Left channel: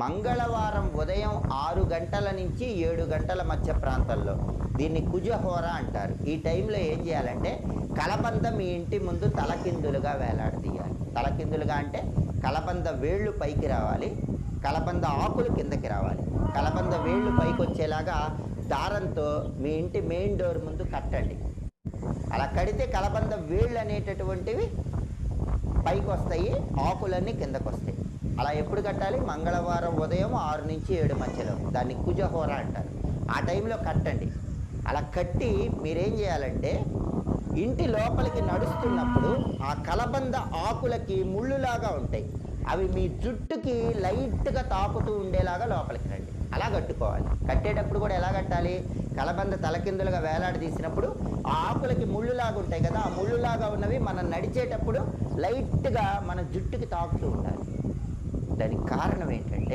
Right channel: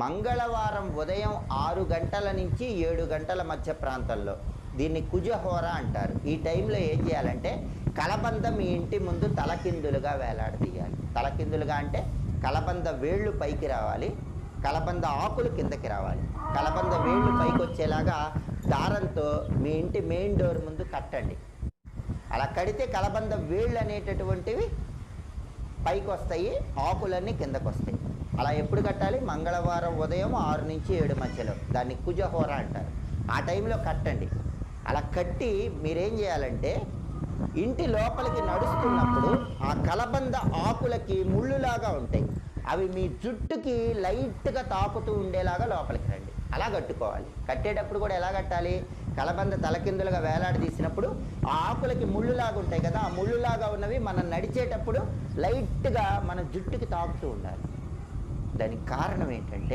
మంగళవారం ఉదయం 6 గంటల నుంచి 7 గంటల మధ్య ప్రాంతంలో దీన్ని కుజహోర అంటారు. ఈ టైంలో ఏం చేయాలంటే కలబంద మీ ఇంటి ముందు తలకిందులుగా వేలాడదీయాలి. తలకిందులుగా అంటే కలబంద వేళ్ళు పైకి రావాలి, కలబంద ఆకులు కిందకి రావాలి. కలబంద వేళ్ళు పైకి వచ్చేలాగా దారంతో మీ ఇంటి మెయిన్ డోర్ ముందు కట్టండి. అలా కడితే కలబంద వేళ్ళు అనేటటువంటివి పైకి వస్తాయి, ఆకులన్నీ కిందకు వస్తాయి. అలా ఎప్పుడు కట్టాలి? మంగళవారం ఉదయం 6 నుంచి 7 మధ్యలో. దాన్ని కుజహోర అంటారు. ఆ టైంలో కట్టండి. అలా కట్టి మీరేం చేయాలంటే ఇంటి లోపలికి నడుస్తున్నప్పుడు ఆ కలబంద ఆకులకి ముళ్ళులాగా ఉంటాయి, అవి మీ జుట్టుకి లైట్గా తాకుతూ ఉండేలాగా లోపలికి రండి. అలా కట్టుకోవాలి. కట్టేటప్పుడు కూడా ఎలా కట్టాలి? కలబంద తలకిందులుగా వేలాడదీసినప్పుడు ఆ ఆకులకి ముళ్ళులాగా ఉంటాయి కదా, ఆ ముళ్ళులాగా ఉన్నవి మనం నడిచేటప్పుడు లైట్గా మన జుట్టుకి తాకుతూ ఉండాలి. దానికి కారణం ఏంటంటే